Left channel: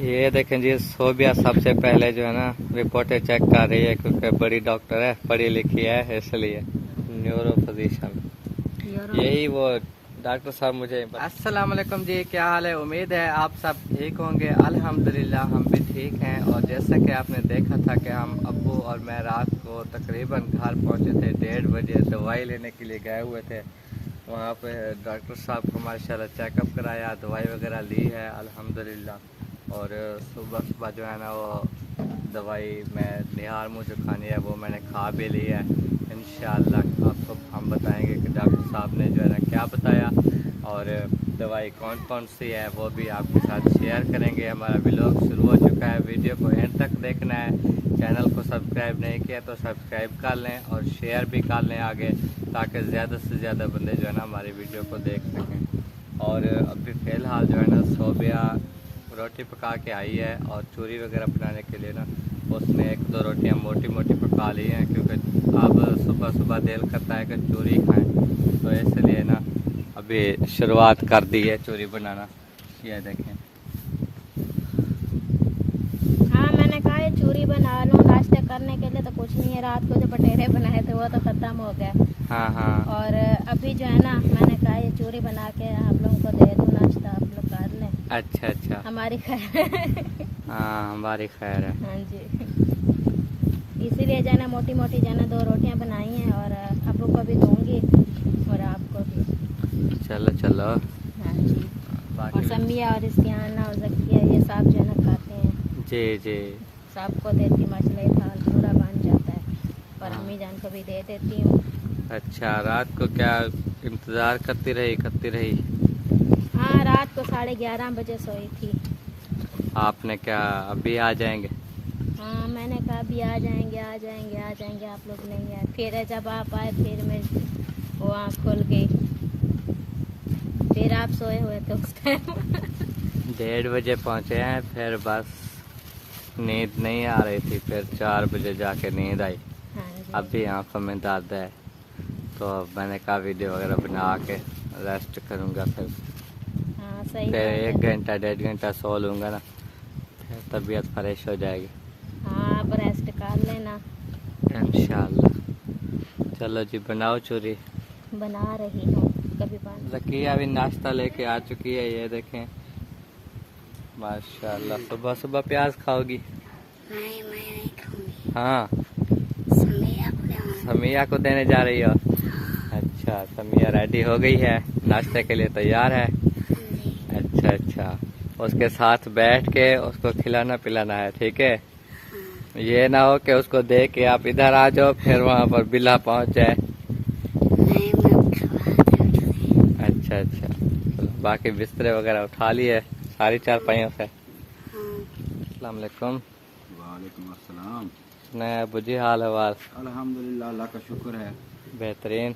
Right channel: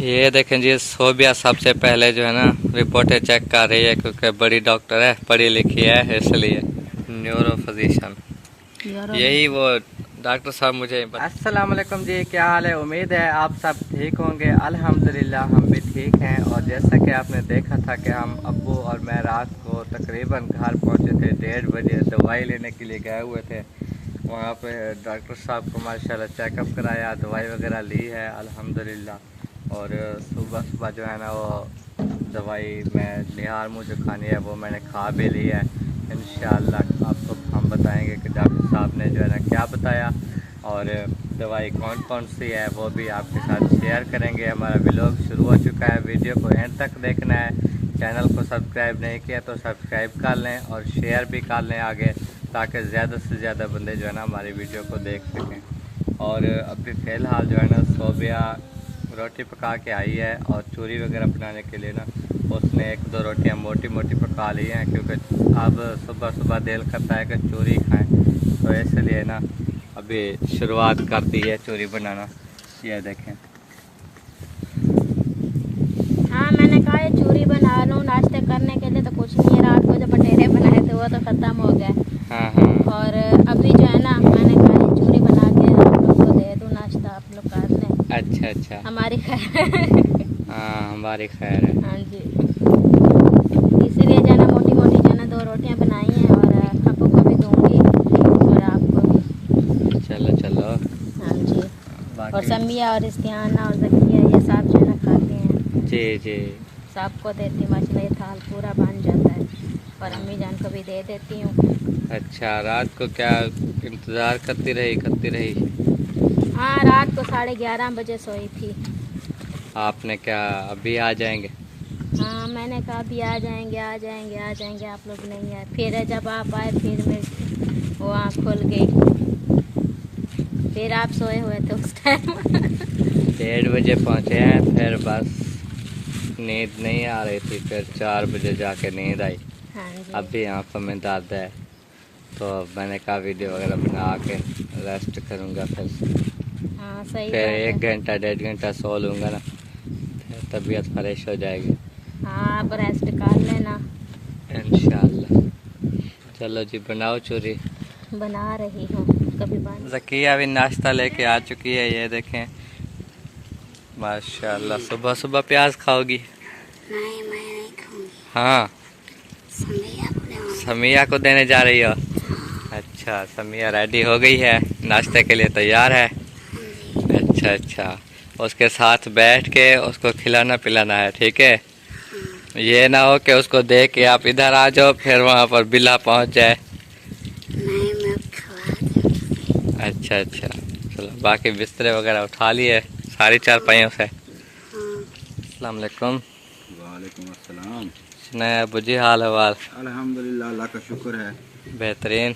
ये देखें जी, सोबिया सबसे पहले जो है ना रिपोर्टें चेक कर रही है, क्योंकि बड़ी डॉक्टर है, पढ़ी लिखी है, इसलिए न्यूरो फिजिशियन। यही वो डॉक्टर साहब मुझे अस्सलाम वालेकुम जी, क्या हाल है? उम्मीद है आप सब ठीक होंगे। अल्हम्दुलिल्लाह हम भी ठीक हैं। और जैसा कि आपने देखा था कि हम अब्बू और मैं रात को तकरीबन घर पहुंचे थे 1:30 बजे। दवाई लेने के लिए गए हुए थे। वहाँ पे डॉक्टर साहब को माशाल्लाह चेकअप कराया, दवाई वगैरह ली है अल्हम्दुलिल्लाह। और सुबह सुबह जो है ना वो दवाई में निहार मुझे खानी है, वो मैंने खा भी ली है। इंशाअल्लाह आपको हम बताएंगे कि डॉक्टर साहब ने जो है ना क्या बताया, और दवाई कौन कौन सी है वो भी आपके साथ शेयर करेंगे। हमारा व्लॉग शुरू हो चुका है, वीडियो को एंड तक देखना है। चैनल को सब्सक्राइब नहीं किया तो सब्सक्राइब कर लें और शेयर भी कर लें आगे, ताकि ज़्यादा से ज़्यादा बंदे जो है ना हमारी वीडियो को देख सकें। और अभी फ़िलहाल जो है ना सोबिया रोटी पका के आई है, और चूरी वगैरह बनाने के लिए ना उसने 1-2 रोटियां मोटी मोटी पका ली हैं, क्योंकि अब सुबह सुबह दिल करता है कि चूरी खाएं, तो इसलिए ना अभी शुरुआत कर दी है चूरी बनाना। ये देखें। हाँ, मैंने कहा ये चूरी बना लो नाश्ते करने के लिए, तो कुछ नहीं है। रात को जो बटेरे बनाए थे वो तो ख़त्म हो गए। हाँ हाँ। और अभी जो है ना मैंने कहा ये चूरी बना के आप लोग को दे दूँ, नाश्ता आप लोग कर लें। अच्छा अच्छा। हमारी खैर हाँ, हमारी खैर है। हाँ जी, इसीलिए जो है ना मोटी मोटी जो है ना 2 रोटियां बनाई हैं, और आपको को भी दूँगी और आपको भी। चलो चलो। हाँ जी। और समिया और इस्तियाना और ज़किया ये सब जो है ना खाते हैं। जी जी। सबको देती मछली थाल पूरा बन जाता है, और अम्मी जान को भी दे देती हूँ। अच्छा, रात को क्या इंतज़ार करती रही? हाँ, रात को 11:30 बजे सोई थी। आपने क्या अभी आ जाएंगे? हाँ, मैंने कहा अभी आ जाएंगे आप लोग नहीं आए। फिर जब आप आए फिर मेरी वो आँख खुल गई, फिर आप सोए हुए थे उस टाइम 1:30 बजे पहुँचे हैं, फिर बस नींद नहीं आ रही थी, फिर 4 बजे जाके नींद आई। हाँ जी। अभी आंखों में दर्द है, तो मैंने कहा वीडियो वगैरह बना के रेस्ट करूँगा, हाँ सही फिर बात 1 है। घंटा 1.5 घंटा सो लूँगा ना, फिर तबीयत फ्रेश हो जाएगी हाँ, आप रेस्ट कर लेना इंशाल्लाह। चलो जी, बनाओ चूरी। बना रही हूँ, कभी बन। ज़किया भी नाश्ता लेके आ चुकी है, ये देखें माशाल्लाह। सुबह सुबह प्याज खाओगी? नहीं, मैं नहीं खाऊंगी। हाँ, समिया को देने जा रही हो? अच्छा, समिया रेडी हो गई है, नाश्ते के लिए तैयार है। अच्छा अच्छा, उसके साथ बैठ के उसको खिलाना पिलाना है, ठीक है? ये ना हो कि उसको देख के आप इधर आ जाओ, फिर वहाँ पर बिल्ला पहुँच जाए। नहीं, मैं खवा। अच्छा अच्छा, चलो बाकी बिस्तरे वगैरह उठा लिए सारी चारपाइयों से। अस्सलाम वालेकुम। वालेकुम अस्सलाम। नया बुझी हाल हवाल? अल्हम्दुलिल्लाह, अल्लाह का शुक्र है। बेहतरीन।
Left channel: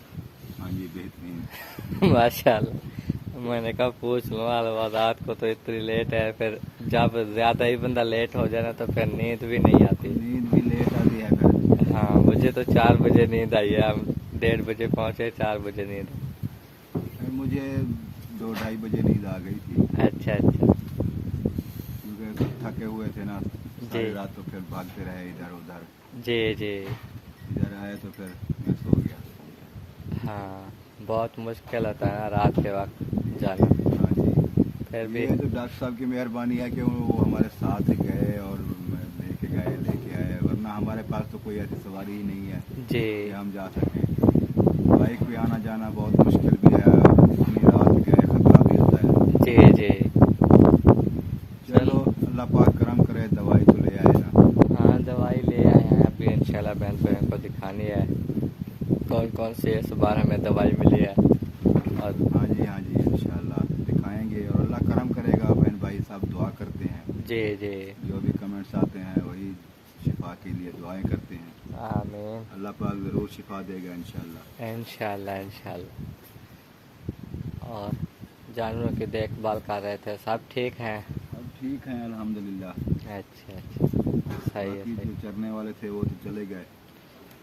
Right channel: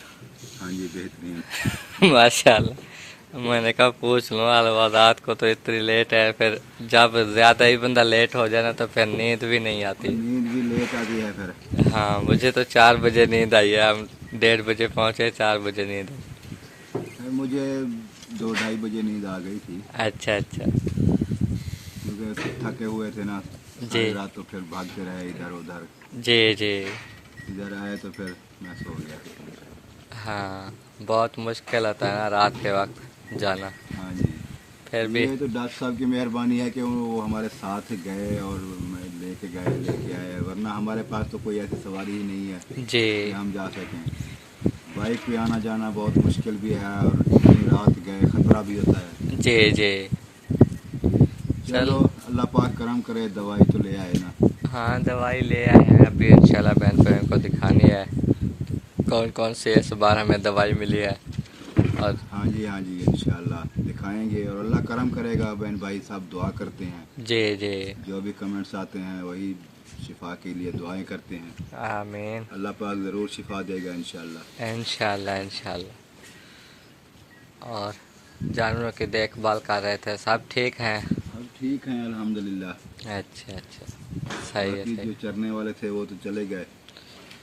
हाँ जी, बेहतरीन। माशाल्लाह। मैंने कहा पूछ लूँ हाल हवाल, रात को तो इतनी लेट है, फिर जब ज़्यादा ही बंदा लेट हो जाए ना तो फिर नींद भी नहीं आती। नींद भी लेट आ गई है फिर। हाँ, मुझे तो 4 बजे नींद आई है। हम 1:30 बजे पहुँचे, 4 बजे नींद आई। फिर मुझे 2-2:30 बजे नींद आ गई थी, अच्छा अच्छा। क्योंकि थके हुए थे ना जी। सारी रात, तो फिर भागते रहे इधर उधर। जी जी। इधर आए तो फिर मैं सो गया। हाँ, बहुत मुश्किल होता है ना रात के वक्त जाना। हाँ जी। फिर भी ये तो डॉक्टर साहब की मेहरबानी है कि वो हमारे साथ गए और लेके आए, वरना हमारे पास तो कोई ऐसी सवारी ही नहीं है जी कि हम जा सकें। बाइक पे आना जाना बहुत मुश्किल भी है, और रात का खतरा भी होता है। जी जी। चलो, अल्लाह पाक करम करे, दवाई तो ले आए ना। हाँ, दवाई ले आए हैं, अभी इंशाल्लाह बहन बहन को दिखानी है कौन कौन सी इस बार हमें दवाई मिली है। और हाँ जी इंशाल्लाह दिखाएंगे, और अल्लाह करम करेगा। बहन भाई सब दुआ करते हैं, जी जी। जो भी कमेंट्स आते हैं वही शिफा के लिए दुआएं करते हैं। आमीन। अल्लाह पाक ज़रूर शिफा देगा इंशाल्लाह। इंशाल्लाह इंशाल्लाह। और जानवरों की देखभाल कर रहे थे, सब ठीक हैं? सब ठीक हैं अल्हम्दुलिल्लाह। अच्छा अच्छा, सही है बाकी सही। जो चरने वाले थे वो तो चले गए।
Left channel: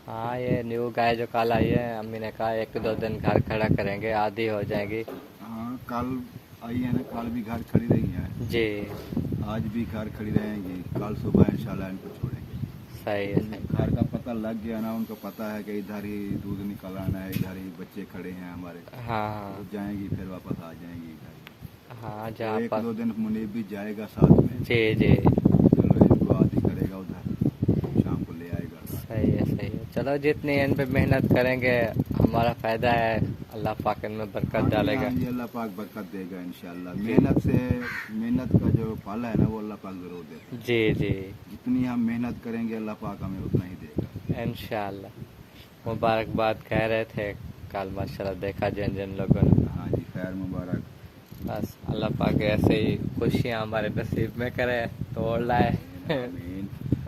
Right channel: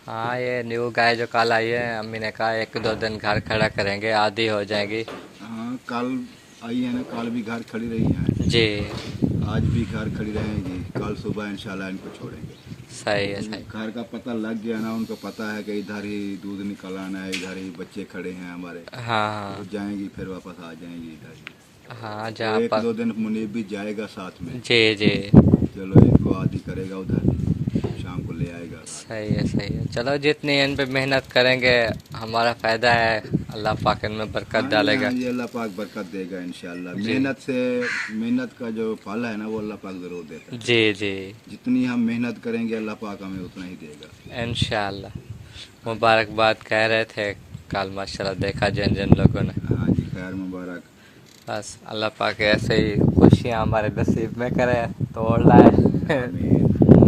हाँ, ये न्यू गाय जो कल आई है, अम्मी ने कहा 1-2 दिन घर खड़ा करेंगे, आधी हो जाएगी। हाँ, कल आई है ना, कल भी घर खड़ी रही हैं। जी। आज भी घर खड़ी रहेंगी, कल सुबह इंशाल्लाह इनको छोड़ेंगे। सही है सही। घर का पता लग गया ना, उनको पता है कि इधर ही दूध निकलाना है, इधर ही बच्चे खड़े हैं हमारे, हाँ तो जाएंगी फिर वापस आ जाएंगी इधर ही। हाँ तो जहाँ एक पर। दो दिन मुनीब भी जाएगा साथ में, जी जी चलो इनको आदि करेगा उधर, शाम को ले आएगा। सही है सही है। चलो जितनी इन पे मेहनत करेंगे हमारा फ़ायदा है, अल्लाह पाक इनमें बरकत डालेगा। हाँ जी, अल्लाह पाक बरकत देगा इंशाल्लाह। जी। मेहनत का जो फल है ना वो अल्लाह पाक जरूर देता है। जी जी जितनी हम मेहनत करेंगे अल्लाह पाक हमें उतना ही देगा इंशाल्लाह। मुबारकबाद कह रहे थे कल माशाल्लाह देखा जिन जिन लोगों ने। हाँ जी, खैर मुबारक। बस अल्लाह पाक ऐसे ही खुशियाँ हमारे नसीब में करे तोड़ लाए।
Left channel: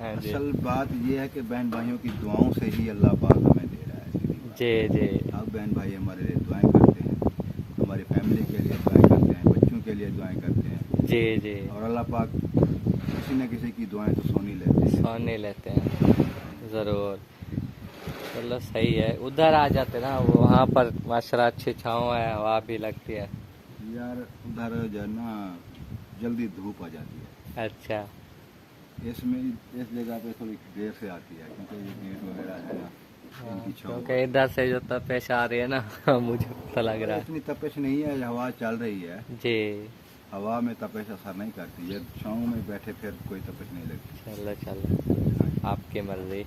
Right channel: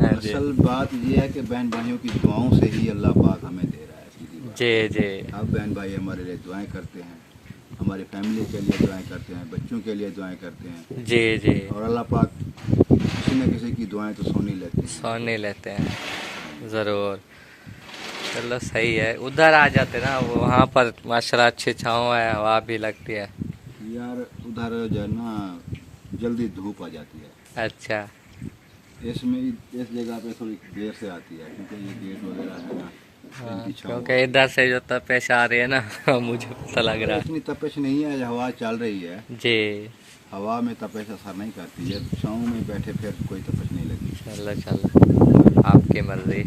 हाँ जी असल बात ये है कि बहन भाइयों की दुआओं से ही अल्लाह पाक हमें दे रहा है, सीधी बात। जी जी अब बहन भाई हमारे लिए दुआएं करते हैं, हमारी फैमिली के लिए दुआएं करते हैं, बच्चों के लिए दुआएं करते हैं, जी जी और अल्लाह पाक किसी न किसी की दुआएं तो सुन ही लेते हैं। सोन नहीं लेते हैं ज़रूर। चलो सही है, उधर आ जाते ना, वो वहाँ पर माशाल्लाह अच्छी छाँव है, हवा भी लगती है। यार उधर जो है ना जल्दी धूप आ जाती है, अच्छा इसमें इस जगह पे थोड़ी देर से आती है क्योंकि ये गेट वगैरह है ना, हाँ, इनकी छाँव। क्योंकि इधर से जो तपेश आ रही है ना मुझे पता लग रहा है। इतनी तपिश नहीं है, हवा चल रही है, जी हवा में तपिश असर नहीं करती है, छाँव में बैठे फिर कोई तपिश नहीं लगी। चलो चलो आपकी मर्जी।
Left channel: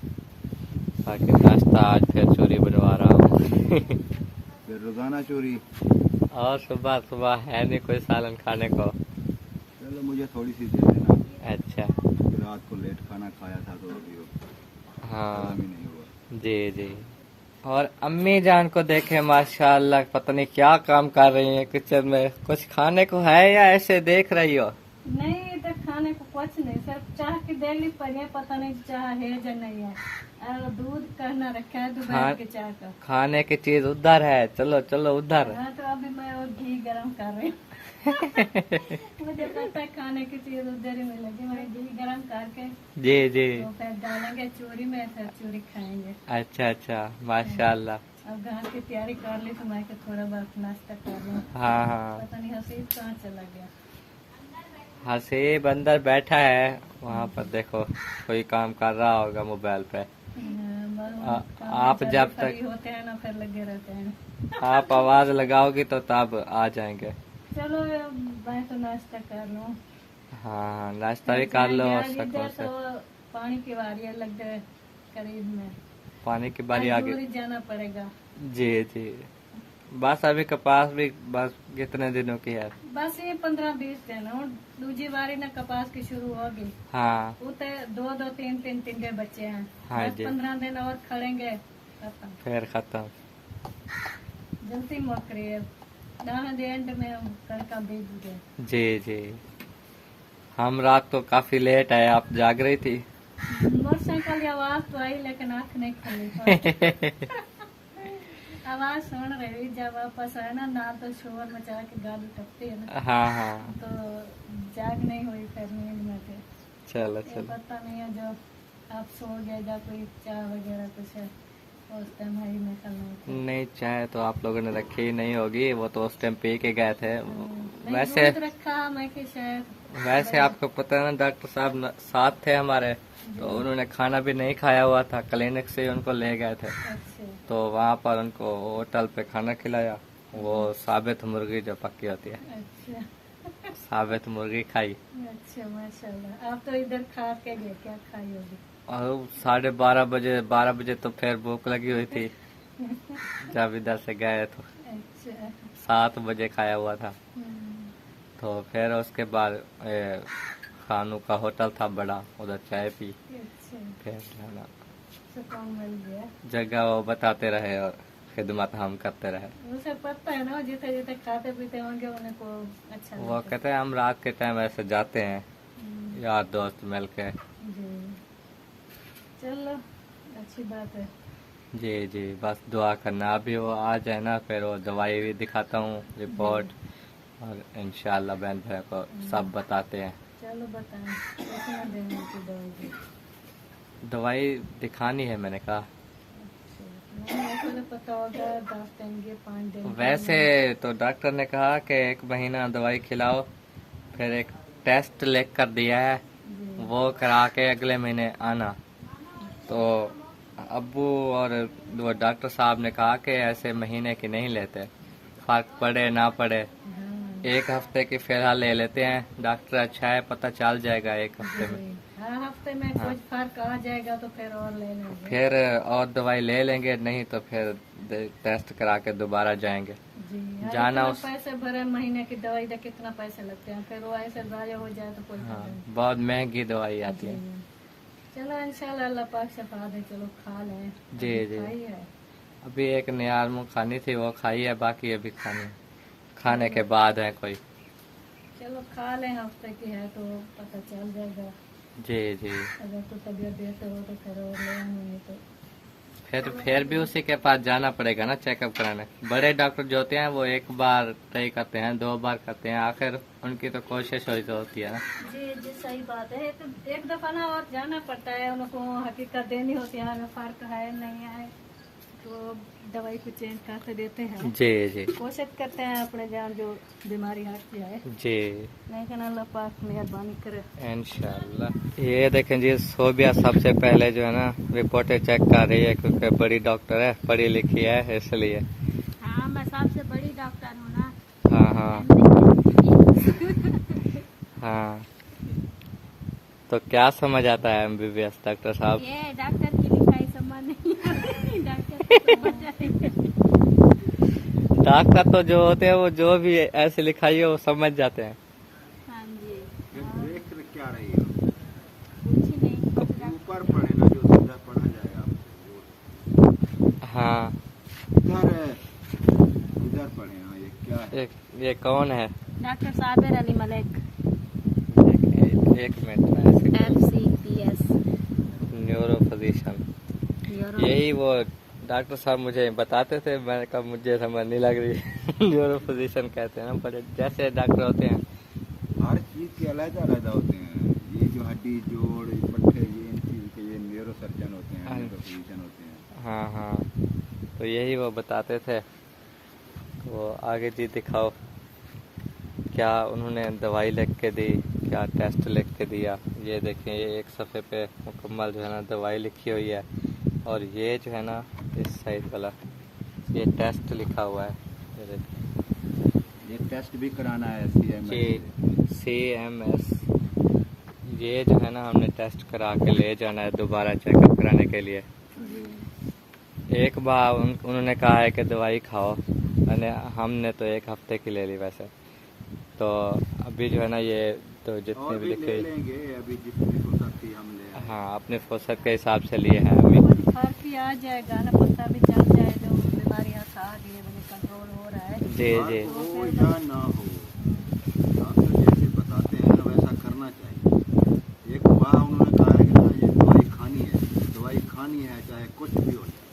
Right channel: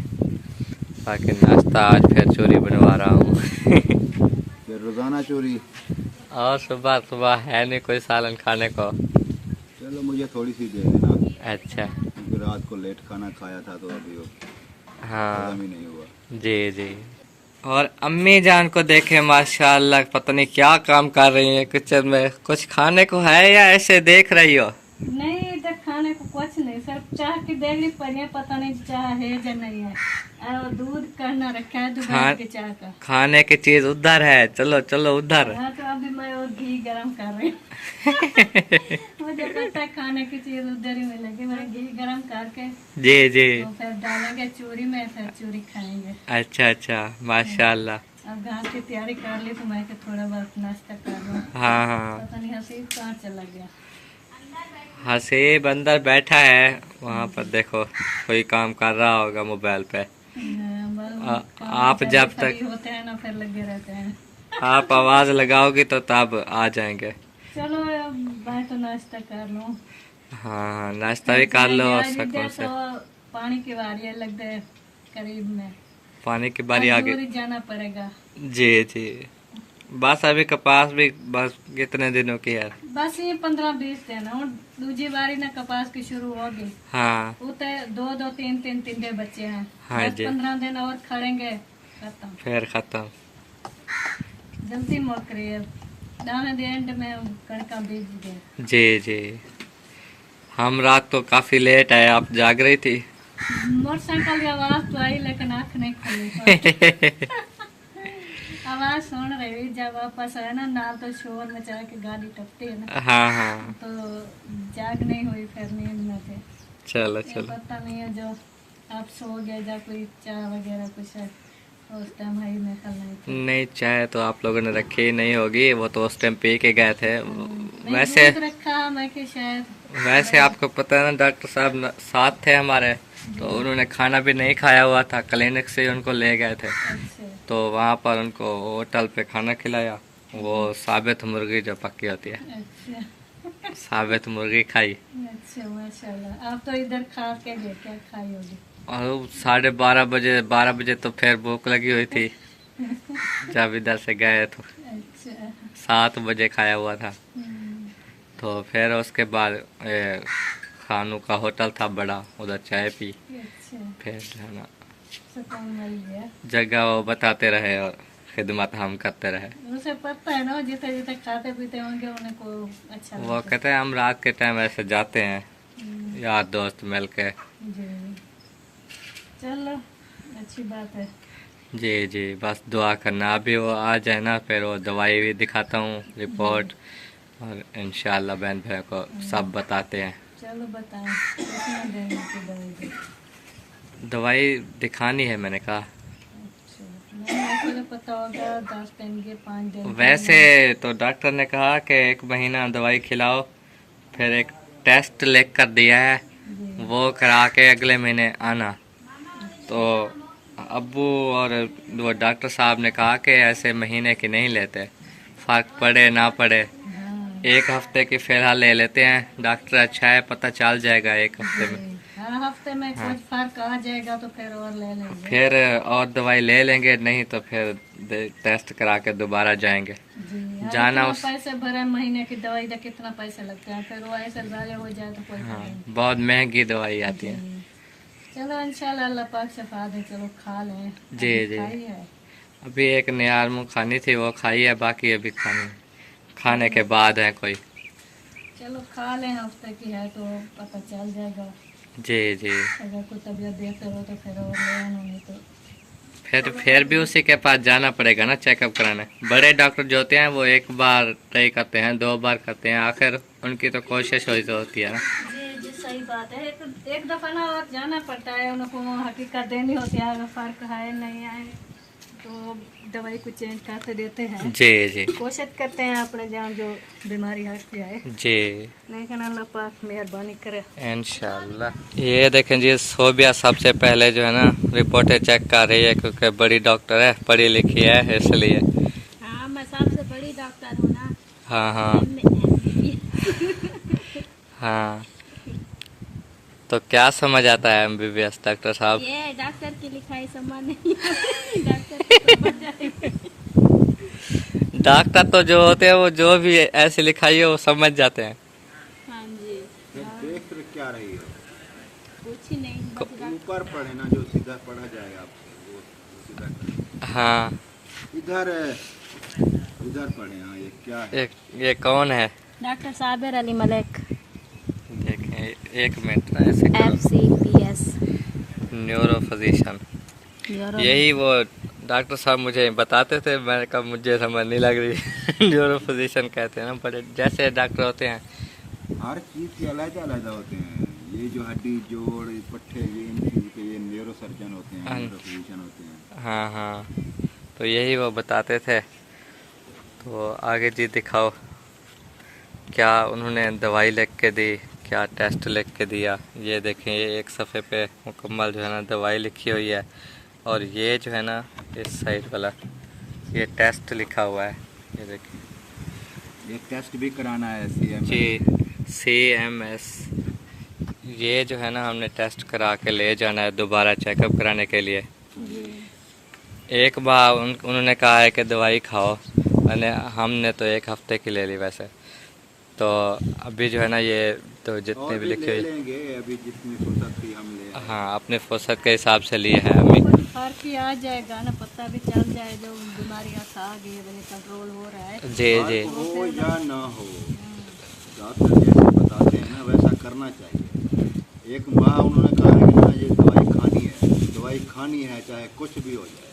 बाकी नाश्ता आज फिर चूरी बनवा रहा हूँ। फिर रोज़ाना चोरी। और सुबह सुबह है नहीं कोई सालन खाने को। चलो मुझे थोड़ी सी दे देना, अच्छा क्योंकि रात को लेट खाना खाया था तो अभी वो हाँ हजम ही नहीं हुआ। जी जी। और अम्मी जान को देखे माशाल्लाह पता नहीं क्या काम कर रही है किचन में, कुछ खाने को है या ऐसे देख रही हो? नहीं इधर खाने को कुछ नहीं, सिर्फ चाह की देनी पड़ी है, पता नहीं चाह है या नहीं है। और दूध करना रखा है दोपहर के चाह का। खाने की चीज उधर है, चलो चलो उधर। हाँ तो अभी मैं वो घी गरम कर रही हूँ। मुझे पता है खाने की चीज उधर ही मिलेगी, मैं घी गरम करके जी जी तो फिर डालेंगे चूरी में, फिर चूरी खाएंगे। अच्छा अच्छा माशाल्लाह। अब घास की तैयारी कर ली तो मैं कि थोड़ा बहुत नाश्ता कर लूँ। हाँ हाँ पता नहीं हसीब कहाँ चला गया। हसीब अंदर बैठा है, वहाँ पर देखो कोई काम कर रहा होगा मोबाइल पे। आप जब तक फ्री होते हैं ना फिर लगे रहते हैं। आप आवाज लगाओगी तो तब आ जाएंगे। चलो मैं तो नाश्ता कर लूँ। हाँ नाश्ता भी कर लो और सुकून से। तो पानी की बारी लग गए करीब में, पानी की बारी आ गई। दूर जाना पड़ेगा। जी जी बस अभी कपास भी बस कितने दिनों की है? बस ये 15-20 दिन और दूसरी बारी ना कपास की शुरू होगी। हाँ वो तो 2-2 3 दिन बच्चे हैं। हाँ जी 15 दिन और खड़ेंगे खत्म, फिर खत्म। जल्दी मुक रही है। दाने दे एंड में कणका बीज गए। जी जी हम रात को काफी लेट आए, आप जाग रही थी? मोटरसाइकिल की आवाज तो आई लेकिन आँख नहीं खुली। आवाज सुन रही जब वापस आए ना, नाल तो शोर मचा के गाड़ी टपती है ना, हाँ हाँ तो जाग नहीं हुई, फिर नींद में थे। चलो ये चलो पता नहीं है जो आप सो गए या कोई चाय वगैरह कुछ है उस टाइम है में कल नहीं था। नहीं चाय तो आप लोगों ने रखी ही नहीं होगी, वो तो उस टाइम पी के गए थे। नहीं, वैसे दूध रखा मैं कि शायद। वैसे आपको पता है ना डॉक्टर साहब साथ थे हमारे, तो उन्होंने खाना भी नहीं खाया हुआ था, क्लिनिक से उनको ले गए थे, अच्छा तो वहाँ पर उनको होटल पे खाना खिलाया, वो साबित मुर्गी जो पक्की होती है अच्छा साबित मुर्गी खाई। अच्छा माशाल्लाह। आप तो इधर खा के गए, क्या खाई होगी? और 12:30 बजे तो फिर भूख लगी हुई थी जब इधर से गए तो अच्छा 7 बजे खाया हुआ था। हम्म, तो फिर उसके बाद खानू का होटल था बड़ा, उधर चाय पी, अच्छा फिर है ना सुकून मिल गया। जगह वो बताते रहे और खिदमत हम करते रहे। उसे पता है ना जितने जितने खाते पीते होंगे उनको अच्छा वो लगता कहते हैं हम रात के टाइम ऐसे जाते हैं है। यार दोस्त मिल के। जी चलो अच्छी बात है। जी जी बस दुआ करना, अभी वो आ जाए ना फिर वो दवाई भी दिखाता हूँ रिपोर्ट, और इंशाल्लाह बहन भाई को सब बताते हैं। चलो बताएं कितना देंगे की दवाई दे? दवाई दिखानी है मैंने कहा। अच्छा नहीं ऐसे तो पता होगा 10 दिन के 5 दिन। वैसे तो डॉक्टर ने कहा कि 1 महीना दवाई खिलाओ, फिर एक टेस्ट लिख कर दिया है, जी। वो करा के अगले महीने आना। तो अब्बू और वो डॉक्टर साहब ने कहा कि ऐसे महीने की नहीं लेते, फर्क पड़े ना पड़े हाँ, 1 हफ्ते की फिलहाल ले लेते हैं। डॉक्टर अच्छा है, पता चल जाएगा 1 हफ्ते में। जी। हर हफ्ते में कुछ फर्क आ जाएगा तो फिर और ले लेंगे। फिर और दवाई ले लेंगे, नहीं तो फिर टेस्ट करा के दोबारा जाएंगे। जी। हर जाना इतना उस पैसे भरे महीने की दवाई का कितना पैसे लगते हैं, फिर वो ऐसे जाया हो जाए तो कोई हाँ, फायदा नहीं। बहुत महंगी दवाई आती है। जी। चलो इंशाल्लाह अल्लाह पाक शफा दे, चलो खा लें। जी, अभी जी। खाई है। अभी एक नियारमू खानी थी, वो खाई है, बाकी अभी खानी खाने के बाद है कोई। चलो खा लें, हफ्ते की है तो पता चल जाएगा। जी जी। अगर कोई तबीयत बेहतर हो तो फिर और ले आना, नहीं तो फिर भी उसी के पास जाना पड़ेगा ना चेकअप कराने। बड़े डॉक्टर जो होते हैं वो 1 बार ट्राई करते हैं, 2 बार करते हैं, आखिर उनकी तो कोशिश होती है ना। जी जी सही बात है। एक दफ़ा ना और जाना पड़ता है, उनको हकीकत देनी होती है, अगर फर्क है नहीं है तो दवाई को चेंज करके देते हैं। जी जी कोशिश करते हैं अपने जान जो बीमारी है की आए, जी, लेकिन अल्लाह पाक मेहरबानी करे। इंशाल्लाह। ये देखें जी, सोबिया सबसे पहले जो है ना रिपोर्टें चेक कर रही है, क्योंकि बड़ी डॉक्टर है, पढ़ी लिखी है, इसलिए। हाँ मैं सबसे बड़ी डॉक्टर हूँ ना। हाँ हाँ हाँ। तो क्या समझ आता है MBBS डॉक्टर साहब? ये डॉक्टर की लिखाई समझ नहीं आती, डॉक्टर की समझ जाएगी। डॉक्टर तो जो होते हैं वो जो भी ऐसी लिखाई है वो समझ जाते हैं। हाँ जी, देख कर क्या रही हो? कुछ ही नहीं, बस डॉक्टर- ऊपर पढ़े ना, जो सीधा पढ़ा जाएगा आपसे वो हाँ, इधर इधर पढ़े। हाँ, ये क्या है? ये कौन है? डॉक्टर साबिर अली मलिक, एक मिनट ना, ऐसे करो। MCPS। Neuro physician. यही वो डॉक्टर साहब मुझे बताते थे, मैंने कहा मुझे समझ नहीं लग रही। न्यूरो फिजिशियन कहते हैं ना, बड़े जैसे डॉक्टर होते हैं। हर चीज़ के अलग होते हैं। ये जो हड्डी जोड़ पट्टे, ये इन चीज़ के ये न्यूरो सर्जन होते हैं, हाँ। न्यूरो फिजिशियन होते हैं। हाँ हाँ, तो यही वो बताते थे। तो आगे जी दिखाओ, क्या उन्होंने दवाई लिख के दी, क्या टेस्ट लिख के दिया। ये देखें, ये 1 सफ़े पे मुकम्मल जो है ना दवाई लिखी हुई है, और ये जो है ना इस साइड वाला ये टेस्ट लिखा हुआ है। ये देखें, ये टेस्ट भी कराना है CMS। जी CMS। ये जो है ना हमने टेस्ट करा के ले जाना है दोबारा चेकअप कराने के लिए। एक बार उन्होंने कहा है कि दवाई खाओ, मैंने हमने तो 1 हफ्ते की ले ली वैसे। तो अभी जो है ना ये तो जितने और भी भी लिखे ले हुए, लेंगे, अभी जितनी फुर्सत थी हम ले आए। हाँ अपने फुर्सत के हिसाब से लिए हैं अभी। कुछ फर्क ही आ जाएगा ना, पता भी चल जाए जो बीमारियाँ आ गई है, बड़ी कंट्रोल हो रहा है। जी जी फर्क हो या ना हो, डॉक्टर जैसे बताते हैं वैसा करना चाहिए। एक बार उन्होंने कहा है कि ना ये दवाई खानी है चाहे कुछ भी हो जाए।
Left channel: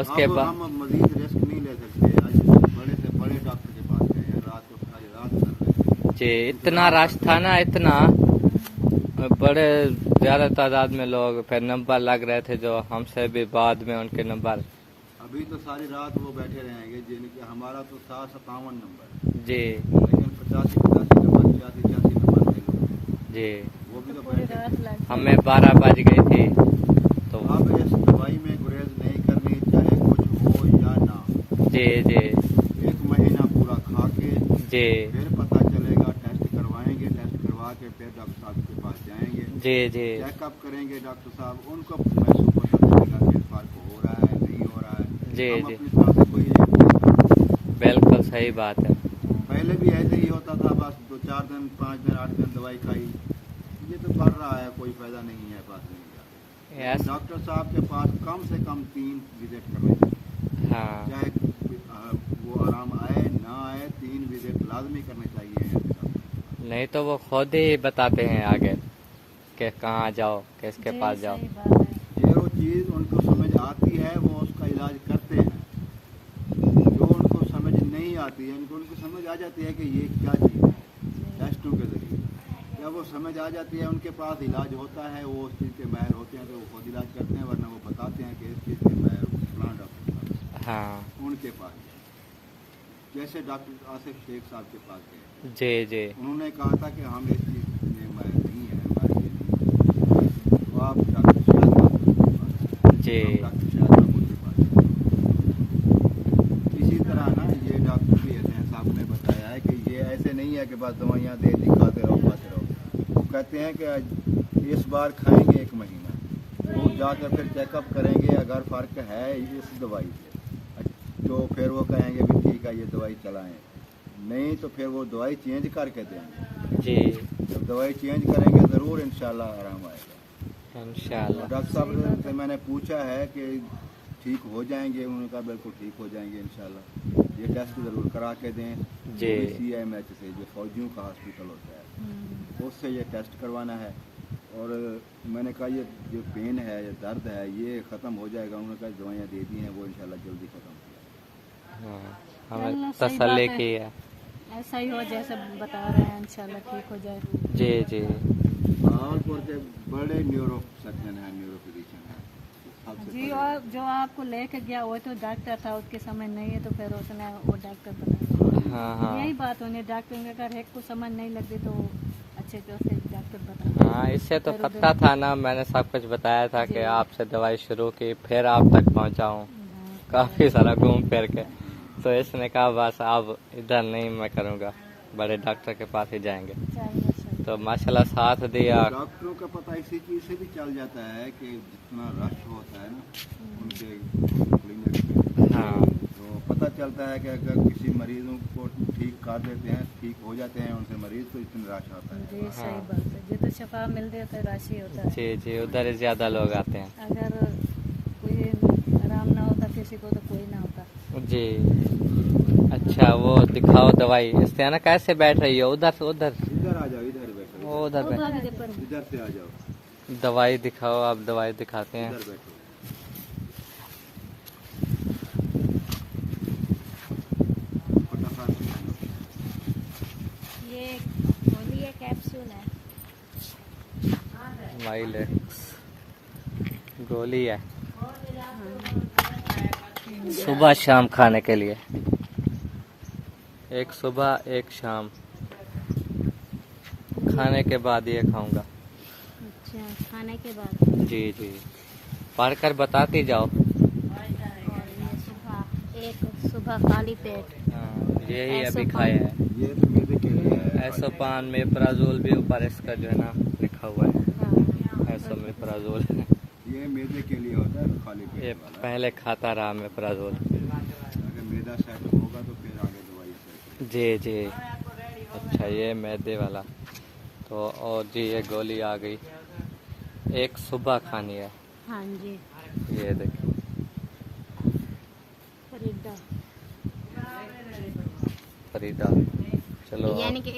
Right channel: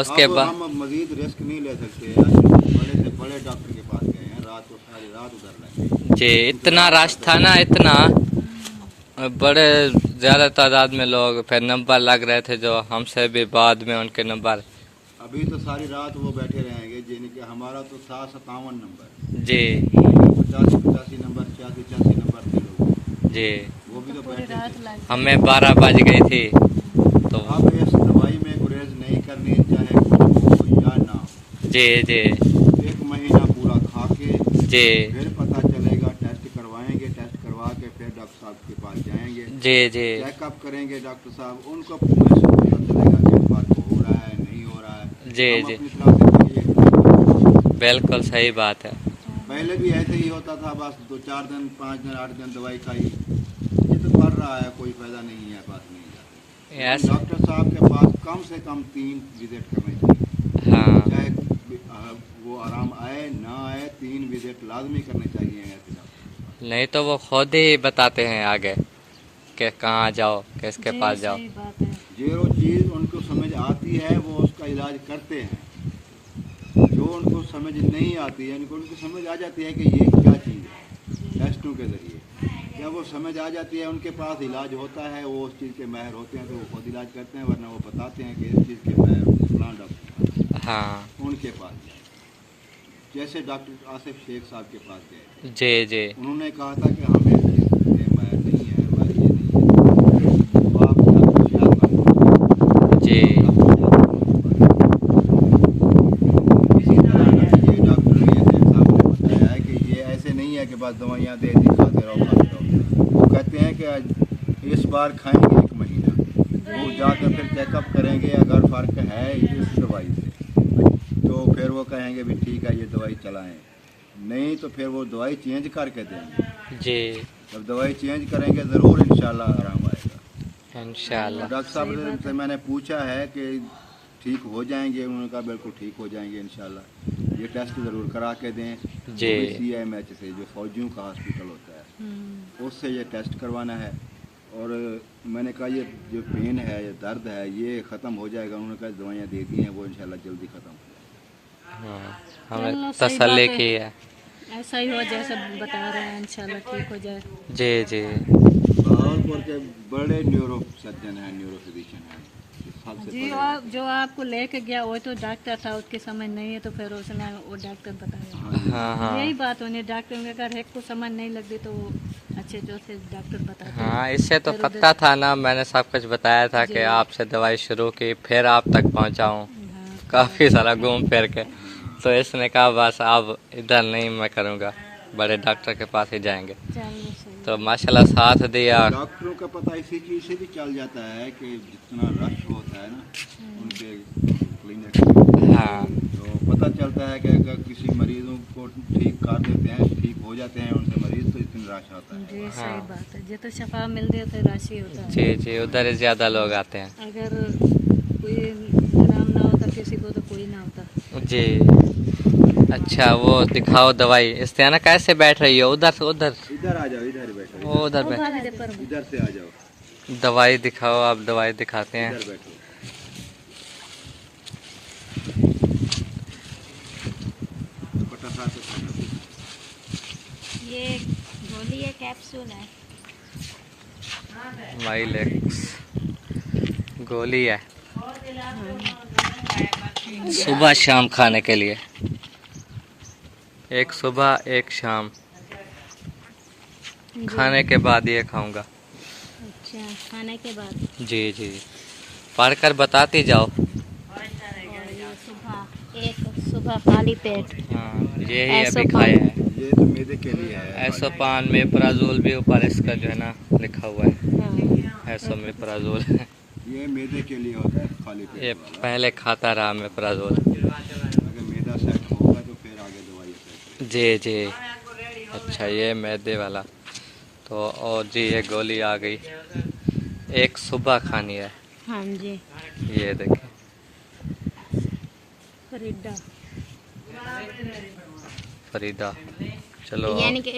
उसके अब बाद हम मजीद रिस्क नहीं ले सकते। आज बड़े से बड़े डॉक्टर के पास गए हैं, रात को सारी रात कर रहे थे। जी इतना रश था ना, इतना बड़े ज़्यादा तादाद में लोग, फिर नंबर लग रहे थे जो हमसे भी बाद में उनके नंबर। अभी तो सारी रात वो बैठे रहेंगे, जिनके हमारा तो था 57 नंबर, जी 85 नंबर, 86 नंबर थे लोग, जी, वो भी तो पूरी बैठे रात थे। लग हमें 12 बज गई थी। तो अब इस दवाई में गुरेज नहीं करनी, चाहे कुछ हो या ना हो। जी जी 1 महीना पूरा खा के जी फिर पता चलेगा। टेस्ट करवाएंगे, टेस्ट करवा के फिर डॉक्टर साहब के पास जाएंगे, जी जी चेकअप करेंगे। डॉक्टर साहब उनको महसूस पता चलेगा कि फर्क हो रहा है नहीं हो रहा है। जी हम जी, अपनी तरफ से कोई ये बिल्कुल सही बात है। पहले भी ऐसे ही होता था, बस 2-4 दिन 5 दिन 8 दिन दवाई खाई, ये तो बढ़ रहा है, कोई फायदा नहीं है, पास नहीं जाते। यस, डॉक्टर साहब के पास कम से कम 3 विजिट करने चाहिए, हाँ चाहे वो आराम आए ना आए, 3 विजिट लाजमी करने चाहिए ऐसे डॉक्टर के पास। नहीं तो वो खुद ही बताते हैं आगे कि कहाँ जाओ, किसके जी, पास जाओ। सही बात है। जो चीज़ उनको समझ आती है वो उसका इलाज करते हैं, जो उनको समझ नहीं आती है उनको समझ आ जाती है कि ये क्या चीज़ है, टेस्टों के ज़रिए जब वो समझ आ जाती है, उनके पास इलाज होता है, वो उस चीज़ के माहिर होते हैं तो वो खुद इलाज करते हैं, वरना वो बताते हैं कि इस चीज़ के माहिर फलां डॉक्टर हाँ उनके पास जाए। जैसे डॉक्टर आसिफ शेख साहब के पास गए, जी जी उन्होंने कहा था कि हमें ये नहीं है, हमारी ये नहीं है, तो आप डॉक्टर शाहजहां जी इसी तरह ना ये डॉक्टर साहब ने बताया है कि ये ऐसे नहीं है कि बस दवाइयाँ दे दी खाते रहो। वो कहते हैं कि इस बार खाएंगे 1 महीना, वो जाकर फिर चेकअप करेंगे, अगर फ़र्क है इस दवाई से तो फिर वो कहेंगे भी ठीक है ये दवाई चलाएं, नहीं तो फिर वो दवाई चेंज करके देंगे। जी जब दवाई चेंज करेंगे ज़रूर इंशाल्लाह आराम आएगा। इंशाल्लाह। डॉक्टर साहब से मैंने पूछा है कि ठीक हो जाएंगे, उन्होंने कहा बिल्कुल ठीक हो जाएंगे इंशाल्लाह। ये टेस्ट ज़रूर करा के दें। जी। CMH से जो फौजियों का हॉस्पिटल होता है उससे ये टेस्ट करवाना है। और मैंने कहा ये जो पेन है, ये दर्द है, ये ख़त्म हो जाएगा। उन्होंने कहा दवाइयाँ दे दी हैं, वो इंशाल्लाह जल्दी ख़त्म हो जाएगा। हाँ चलो, हमें सही तसल्ली बात है। की है। ऐसा ही हो जैसे बता रहे हैं, इंशाल्लाह ठीक हो जाए। जी जी बहावलपुर के बड़े न्यूरो सर्जन हैं, न्यूरो फिजिशियन हैं, जो सबसे जी, बड़े और जो आपको लेके गया वो तो डॉक्टर था, उसके समय नहीं है तो फिर उसने वो डॉक्टर बताया। हाँ हाँ यही बात होनी, डॉक्टर के अगर एक को समझ नहीं लगती तो अच्छे जो से डॉक्टर बताते। हाँ, इससे तो फिर पता था ना, मैंने सब कुछ बताया था जी। कि आपसे दवाई शुरू की फिर आप तक पहुँचा हूँ हाँ, काफ़ी सारा घूम फिर के। तो इसने कहा बस अब इधर नहीं मैं करूँगा, बड़े डॉक्टर के पास ही जाएंगे। चलिए सही। तो माशाल्लाह साथ दिया। डॉक्टरों का पता इसी चीज़ से भी चल जाता है कि जितना रश होता है ना उनके क्लिनिक, हाँ तो पता चलता है कि अगर किसी मरीजों को ठीक कर देते हैं, ठीक हो जाते हैं उनसे मरीज, तो इतना रश आता है। जी सही हाँ। बात है, जितना शफा मिलती है तो राशि होता है। जी जी, उधर ही ज़्यादा लोग आते हैं। अगर कोई आराम ना होता किसी को तो कोई ना होता। जी अच्छा, वो दिखाओ दवाई। इस्तेना कैसे बैठ रही हो? उधर उधर इधर आ जाओ, इधर ही बैठो, वो उधर बैठ। भाभी दे पर इधर से आ जाओ, दवाई दिखाओ, आप दवाई दिखाते हैं। इधर बैठो। फटाफट से खाना। ये गोली है, कैप्सूल है। माइलेक्स गोली है, सुबह शाम खाने के लिए। एक सुबह एक शाम, खाने के बाद ये खाऊंगा। अच्छा, खाने के बाद। जी जी, पढ़कर बताती जाओ। और ये सुबह खाली पेट। हाँ, यही अभी ऐसोपान। खाया है। ये तो मैदे के लिए है। एसोपान मेप्राजोल भी ऊपर इसका जो है ना लिखा हुआ है, एसोमेप्राजोल। ये मैदे के लिए होता है, खाली पेट ये वाला। पहले खाता रहा मेप्राजोल। अगर मैदा सेट होगा तो फिर आगे दवाई सेट होगी। जी जी, अच्छा ये मैदे वाला। तो और जी ये गोली आ गई, एक सुबह खानी है। हाँ जी। ये देखिए, फरीदा। फरीदा। चलो यानी कि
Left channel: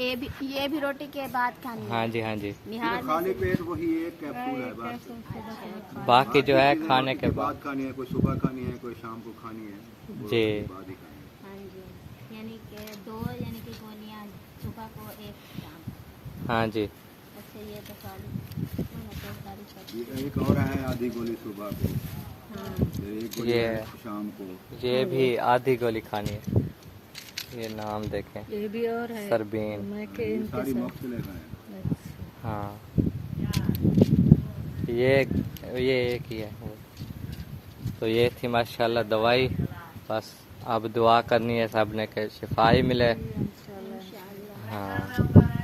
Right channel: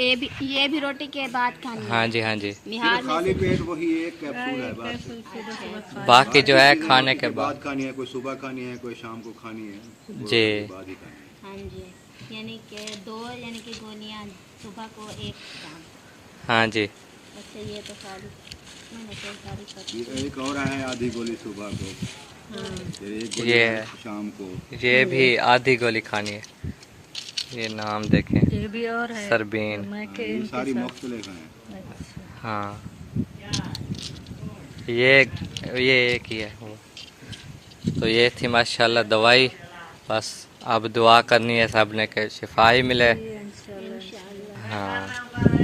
ये भी रोटी के बाद खानी है। हाँ जी हाँ जी, बिहार सिर्फ में खाली पेट वही एक कैप्सूल है बस। सुबह सुबह बाकी जो है चीज़ें खाने रोटी के बाद। खानी है, कोई सुबह खानी है, कोई शाम को खानी है, वो जी। रोटी के बाद ही खानी है। हाँ जी, यानी कि 2 यानी कि गोलियाँ सुबह को, एक शाम। हाँ जी, अच्छा, ये तो सारी पत्ती। ये एक और है, आधी गोली सुबह को, हाँ। फिर एक गोली ये है शाम को। ये भी आधी गोली खानी है। ये नाम देखें, ये भी और है सरबीन। मैं के ये इनके सारी साथ। मुख्तलिफ हैं। अच्छा। हाँ, ये एक ही है वो। तो ये थी माशाल्लाह दवाई। बस अब दुआ करनी है सब ने कि शिफा ही मिले। जी, इंशाल्लाह। हाँ,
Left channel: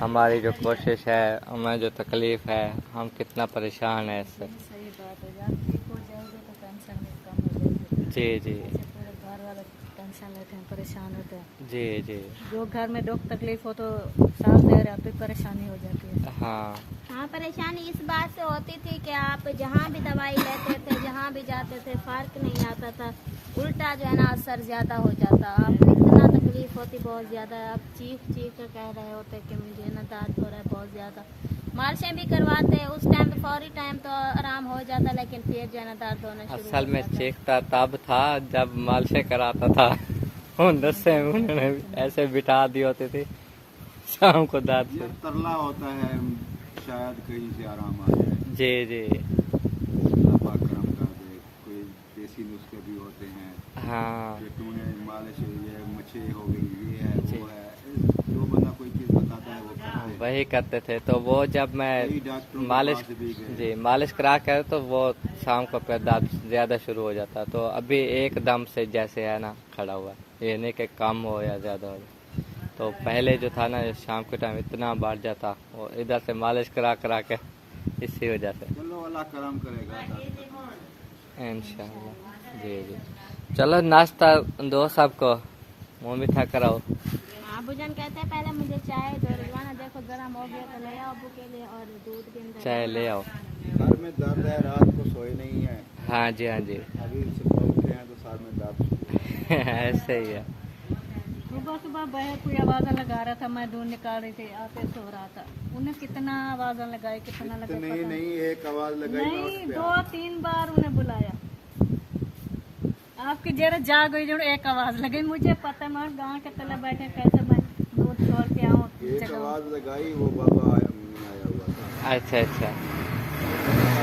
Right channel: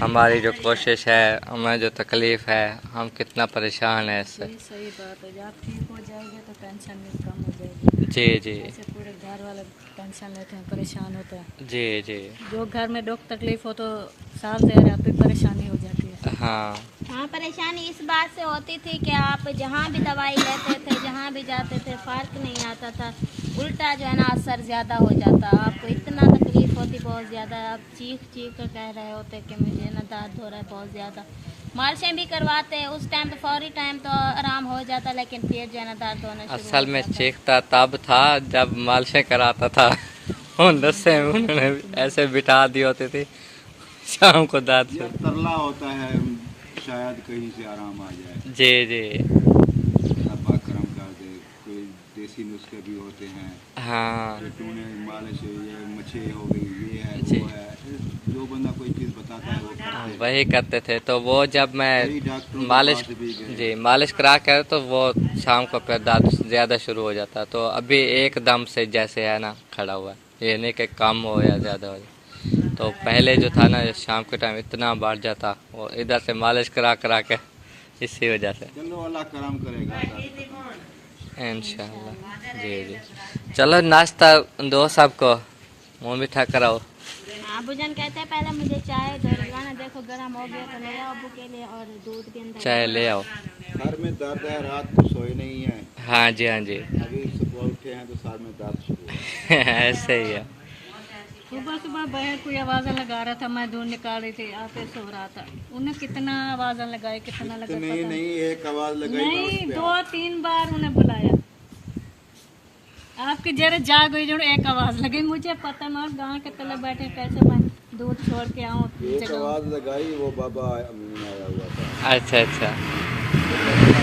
हमारी जो कोशिश है, हमें जो तकलीफ़ है, हम कितना परेशान है इससे। जी, सही बात है, जब ठीक हो जाएंगे तो टेंशन भी कम हो जाएगी। जी जी ऐसे पूरे घर वाले टेंशन लेते हैं, परेशान होते हैं। जी जी, जो घर में दुख तकलीफ हो तो साल से आप भी परेशानी हो जाती है। हाँ हाँ, परेशानी इस बात से होती थी कि आप जहाँ भी दवाई लेते थे, जहाँ भी जाते थे, फ़र्क नहीं आता था। उल्टा जो है ना असर ज़्यादा हो जाता। आपको इतना तकलीफ़ होती बहुत ज़्यादा। आप चीख चीख कर कह रहे होते कि मुझे ना दर्द हो रहा है बहुत ज़्यादा। मालिशें भी करवाते, उस टाइम तो फौरी टाइम तो आराम हो जाता, लेकिन फिर जो है ना दर्द होना शुरू असल हो में जाता। चीखता तब था जब मालिशें कराता था। उन रस्से में उन्होंने ऐसे बिठा दी होती थी, शाम को दर्द ये से। तरला होता है, शायद कहीं से आराम आ जाए, जी जी अल्लाह पाक करम कर दे, कोई देसी देसी नुस्खे भी होते हैं, हाँ ये टूने मालिश, ये मच्छी हो गई, ये है जी। वो है, जो बंदा कोई चीज़ बताता है वो करते हैं। वही करते थे। तो वो जब कई मैं डॉक्टरों के मालिश पास भी गए। जी मालिश करा कर तो वो शाम को फिर दर्द ज़्यादा शुरू हो जाता। तो अभी एकदम से जैसे है ना खड़ा हुआ है, ये नहीं कि कम हो या ज़्यादा हो जाए। तो पहले जो था ना शाम के टाइम इतना बढ़ जाता, वो इधर से मालिश करा करा के इसी वजह से। चलो अल्लाह करम करेगा। इंशाल्लाह जी जी। चलो नाश्ता दो सबको, मुँह मीठा कराओ। हाँ बुजन कहते हैं पहले मुझे चाय दो रिजवाना, देखो गर्म हो गया तो ले आओ अबू के लिए, और दूध के अंदर चाय ले आओ। सर में दर्द है, रात को सोए नहीं है, हाँ जी हाँ जी। अभी सुबह उठे हैं तो सर में दर्द शुरू है। ऐसे ही है। सुबह सुबह बाहर कोई आवाज़ लगा रहा था, मैं दूध निकाल रही थी, आपे सो रहा था। उन्हें कितना आवाज़ लगाई, कितना लगा पता नहीं नहीं, एक आवाज़ लगाई मैं उस नहीं, पे 2-3 बार उन्हें बुलाया। आपकी जरा जाग गई जो एक आवाज़ लगी, मुझे पता मैं गांव के तले बैठे कैसे मैं दूध छोड़ के आऊँ एक जगह। आवाज़ लगाई, वो बाबा आया हुआ था। अच्छा अच्छा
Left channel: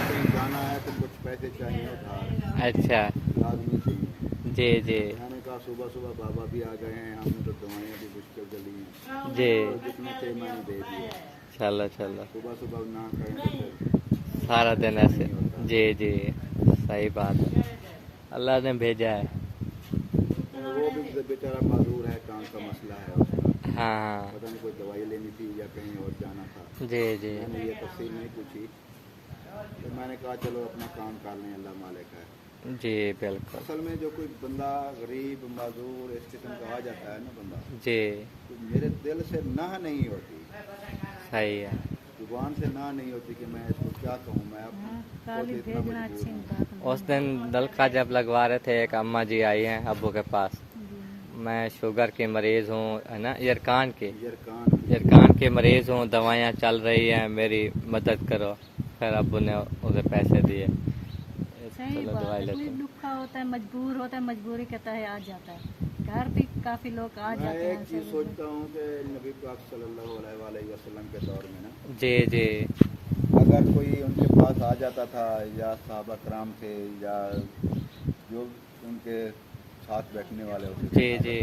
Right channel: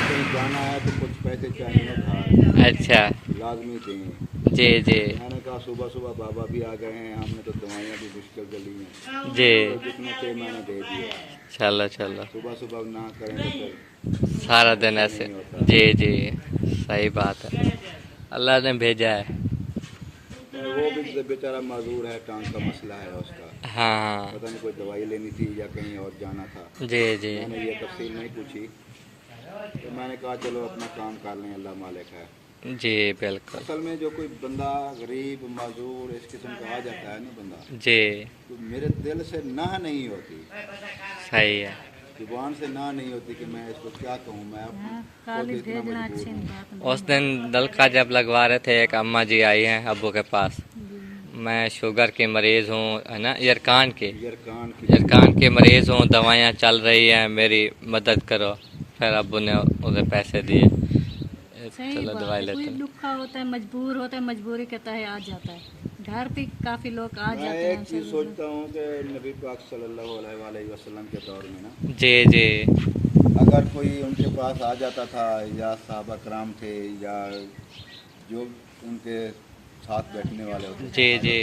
कहीं जाना है तो कुछ पैसे चाहिए उधार, अच्छा लाजमी चाहिए। जी जी मैंने कहा सुबह सुबह बाबा भी आ गए हैं, हमने तो दवाइयाँ भी मुश्किल कर ली हैं, जी। तो जितने थे मैंने दे दिए। चलो चलो, सुबह सुबह ना करें तो फिर सारा दिन ऐसे। जी जी सही बात है, अल्लाह ने भेजा है। वो भी बेचारा मजदूर है, टांग का मसला है उसका, हाँ पता नहीं कोई दवाई लेनी थी या कहीं और जाना था। जी जी मैंने ये तफसील नहीं पूछी, तो मैंने कहा चलो अपना काम कर लें, अल्लाह मालिक है। जी बिल्कुल असल में जो कोई बंदा गरीब मजदूर इस किस्म का आ जाता है ना बंदा, जी तो मेरे दिल से ना नहीं होती, सही है। जुबान से ना नहीं होती कि मैं इसको क्या कहूँ, मैं अब खुद खाली इतना भेजना मजबूर अच्छी हूँ। बात उस दिन नलका जब लगवा रहे थे, एक अम्मा जी आई हैं अब्बू के पास। मैं शुगर की मरीज़ हूँ है ना, यरकान की मरीज़ हूँ, दवाइयाँ चल रही हैं, मेरी मदद करो। फिर अब्बू ने उसे पैसे दिए, सही चलो बात दवाई है। कोई लेते हैं। दुखा होता है, मजबूर होता है, मजबूरी के तहत आ जाता है। घर पे काफ़ी लोग आ मैं जाते एक हैं चीज़ सब। सोचता हूँ कि नबी पाक सल्लल्लाहु अलैहि वसल्लम के दौर में ना, जी जी अगर कोई उनके पास आ जाता था, या सहाबा कराम थे या जो उनके साथ बैठने वाले होते थे, जी जी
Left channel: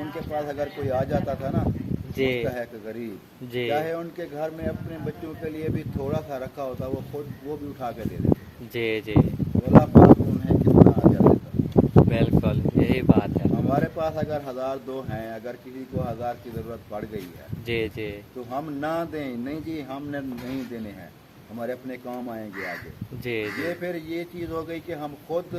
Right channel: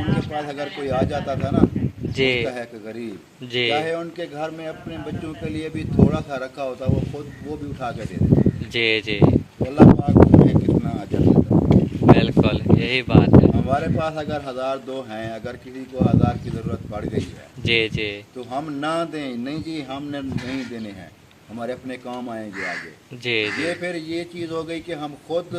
उनके पास अगर कोई आ जाता था ना जी मुस्तहक गरीब, जी चाहे उनके घर में अपने बच्चों के लिए भी थोड़ा सा रखा होता, वो खुद वो भी उठा के दे देते। जी जी अल्लाह पाक उन्हें कितना अजर देता। बिल्कुल यही बात है। हमारे पास अगर 1000-2 हैं, अगर किसी को 1000 की ज़रूरत पड़ गई है जी जी तो हम ना दें, नहीं जी हमने नहीं देने हैं, हमारे अपने काम आएंगे आगे। जी जी ये फिर ये चीज़ हो गई कि हम खुद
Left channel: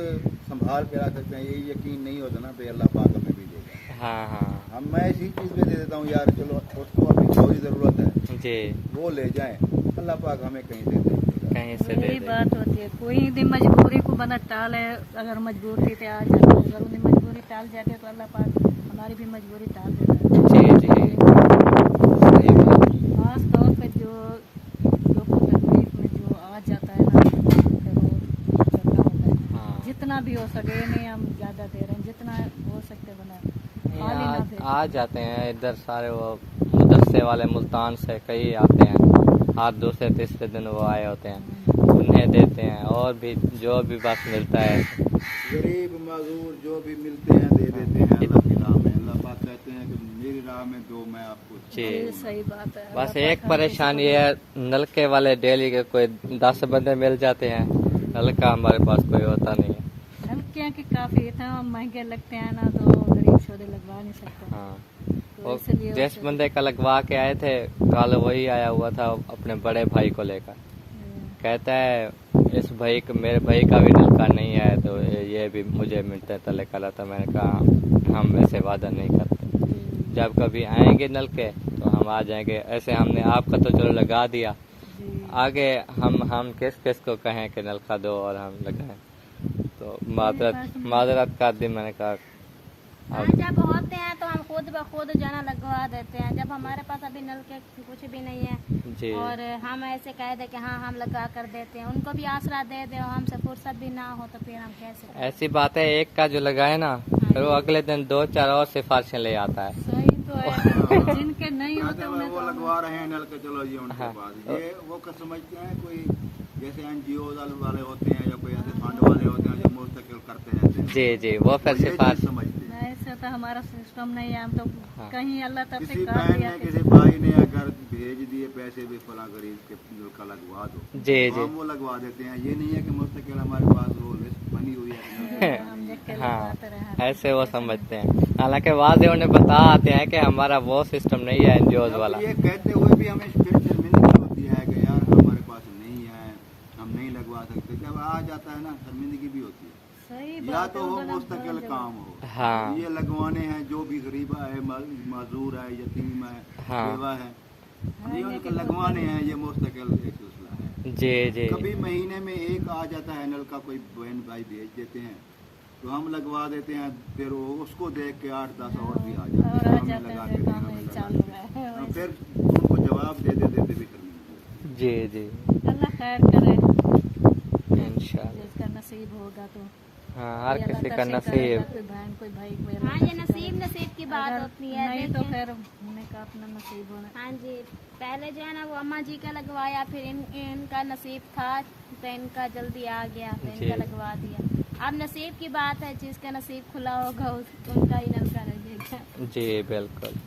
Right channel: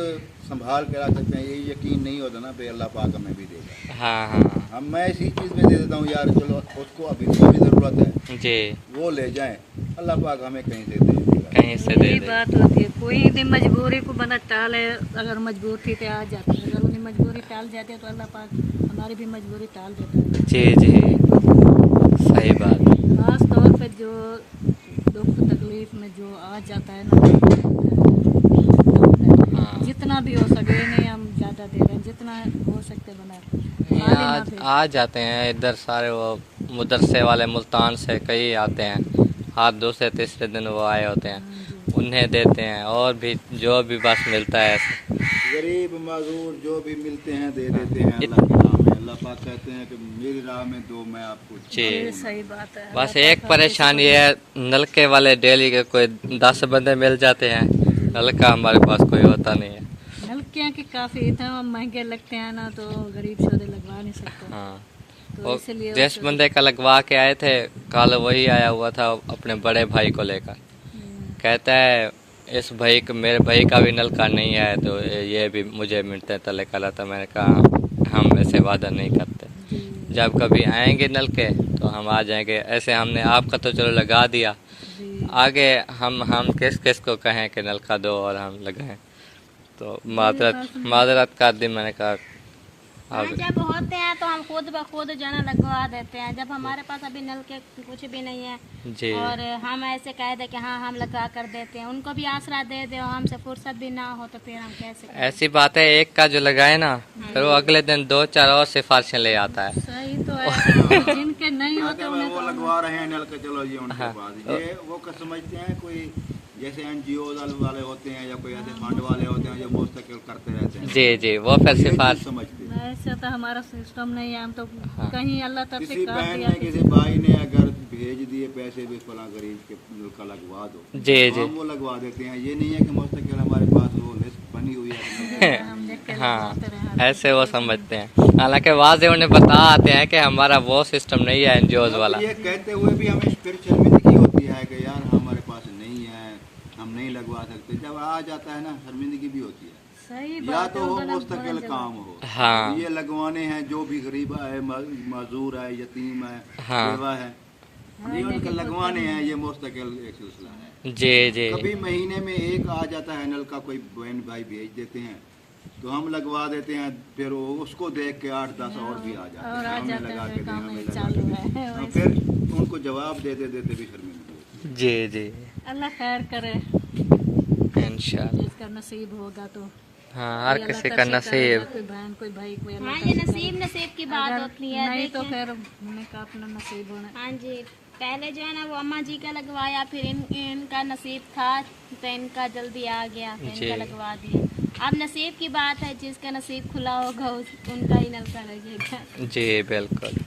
संभाल के रख सकते हैं, ये यकीन नहीं होता ना भाई अल्लाह पाक हमें भी देगा। हाँ हाँ हम मैं इसी चीज़ पे दे देता हूँ यार, चलो उसको अभी तो भी ज़रूरत है, जी वो ले जाएं, अल्लाह पाक हमें कहीं से दे देगा। कहीं से दे यही दे। बात होती है। कोई भी मजबूरी को बंदा टाले, अगर मजबूर थी तो आ जाती है, अगर उन्हें मजबूरी टाल जाती है तो अल्लाह पाक हमारी भी मजबूरी टाल देता है। जी जी सही बात। खास तौर पर जो दुख तकलीफ में जो आ जाता है ना, हाँ जितना भी हो सके, नहीं हम ज़्यादा दे रहे हैं, जितना हो सकते बना खाली ना यहाँ भेजें। आ जाते हैं इधर सारे, वो मदरसे वाले मुल्तान से कई आते हैं, हाथ दूसरे तीसरे दिन वो आए होते हैं, उन्हें देते हैं, और भी जो भी बस मिलता है ऐसे। गरीब मजदूर जो भी मिलते हैं दे देते हैं अल्लाह की राह में। अल्लाह पाक कहते हैं कि मेरी राह में दो, मैं आपको जी। ये सही बात है। बस अल्लाह एक पाक परेशानी है, नलके वाले डेली के कोई 10 बंदे मिल जाते हैं, नलका हमारे पास कोई होता नहीं है। नलकियाँ के काफ़ी इतना महंगे लगते हैं ना, तो गरीब शोधे लगवा नहीं सकते। हाँ तो वो इसलिए जिस बंदे का लगवा के आए थे कल, वही आया हुआ था अपने बड़े भाई को लेकर, कहता है इस भाई को, मेरे भाई का भी नलका नहीं आया तो ये भी मुझे मिलते तले का था। मैंने कहा हम ऐसे वादा नहीं करते, जब कभी आएंगे नलके तो हम आ जाएंगे। ऐसे हमने आपका तो चलो लगा दिया, आगे हम किस किस को कहें कि नलका दो और हम लगाएं, तो माजरत कर दी। मैंने कहा हाँ, अब जब होते हैं तो हम खुद ब खुद जो है ना लगवा देते हैं, जब हमारे पास अभी नल के कुछ भी नहीं है जी और हम ऐसे कह दे कि हाँ हम लगा कर देते हैं, उनको भी आसरा दे दे और हमसे फुर्सत भी ना हो तो फिर हम कैसे करें? ऐसी बात है, एक का जो लगाए ना फिर वो अगले दिन 2-4 और सिफारिशें ले आता है। सही तो है। जिनके नहीं होते वो उन्हें तो लगवा रहे हैं नल के, चलो ये उनके हाँ। पास, ये वो समझते हैं कोई जैसे NGO वाले होते हैं या कोई ऐसे फंड वाले होते हैं जो मुस्तकिल करते रहते हैं। जी जी, वो फिर ये चीज़ सिफारिश। समझते हैं। ऐसे तो हमारा सिस्टम नहीं है, हम तो हाँ। कहीं अल्लाह तरफ से किसी कर बहन दिया ने किसी भाई ने अगर भेज दिए पैसे भी फला गरीब के नलका लगवा दो, जी तो जी हम वो लगवा देते हैं। ये नहीं है कि मुस्तकिल हमारे पास वो लिस्ट बनी हुई है। हम देख के हाँ, लगवाते रहे। ऐसे वो समझते हैं। हालांकि वाजे उन्हें बता आते हैं कि हमारा वो सिस्टम नहीं है NGOs वाला। ये कहते हुए भी हमें फिर शर्मिंदगी होती है कि यार हमारे पास नहीं है, हम नहीं लगवा सकते। जब आ जाता है ना, शर्मिंदगी भी होती है। सही या बात तो है, वो बड़ा मुस्तकिल बड़ा काम हो। हाँ। ये लगवाने हैं जो भी गरीब है, मजदूर है, यतीम है, हाँ। बेवा है, ये उनके लगवाने हैं। ये मुस्तकिल एक सिलसिला है। जी जी कभी महीने में एक आ जाता है नल का, कोई बहन भाई भेज देते हैं तो हम लगवा देते हैं। फिर वो उसको देख के 8-10 और भी आ जाते और हैं, आ हमें जाते लगा हैं, के दें, काम हमें लगा चालू के है, दें। वैसे। फिर उनको जवाब देते देते भी शर्मिंदगी होती है। जी जी, अल्लाह खैर करे, इंशाल्लाह। जिसका नसीब होगा तो। हाँ, हर ये किसी अल्लाह का तरफ से करेगा, नसीब। कोई बहन कोई भाई कोई हाँ, अल्लाह ये तरफ से नसीब करेगा। नसीब की बात अगर होती है। नहीं तो देखिए, फिर हमने का अपना नसीब होना। हाँ जी, पहले जो है ना वो अम्मा जी का लगवाया, फिर इनका नसीब था तो इनका जल्दी आ गया तो जी। इनका लगवा दिया। अब नसीब की बात है, जिसका नसीब खुला होगा उनका ही नलका लगेगा। जी बिल्कुल।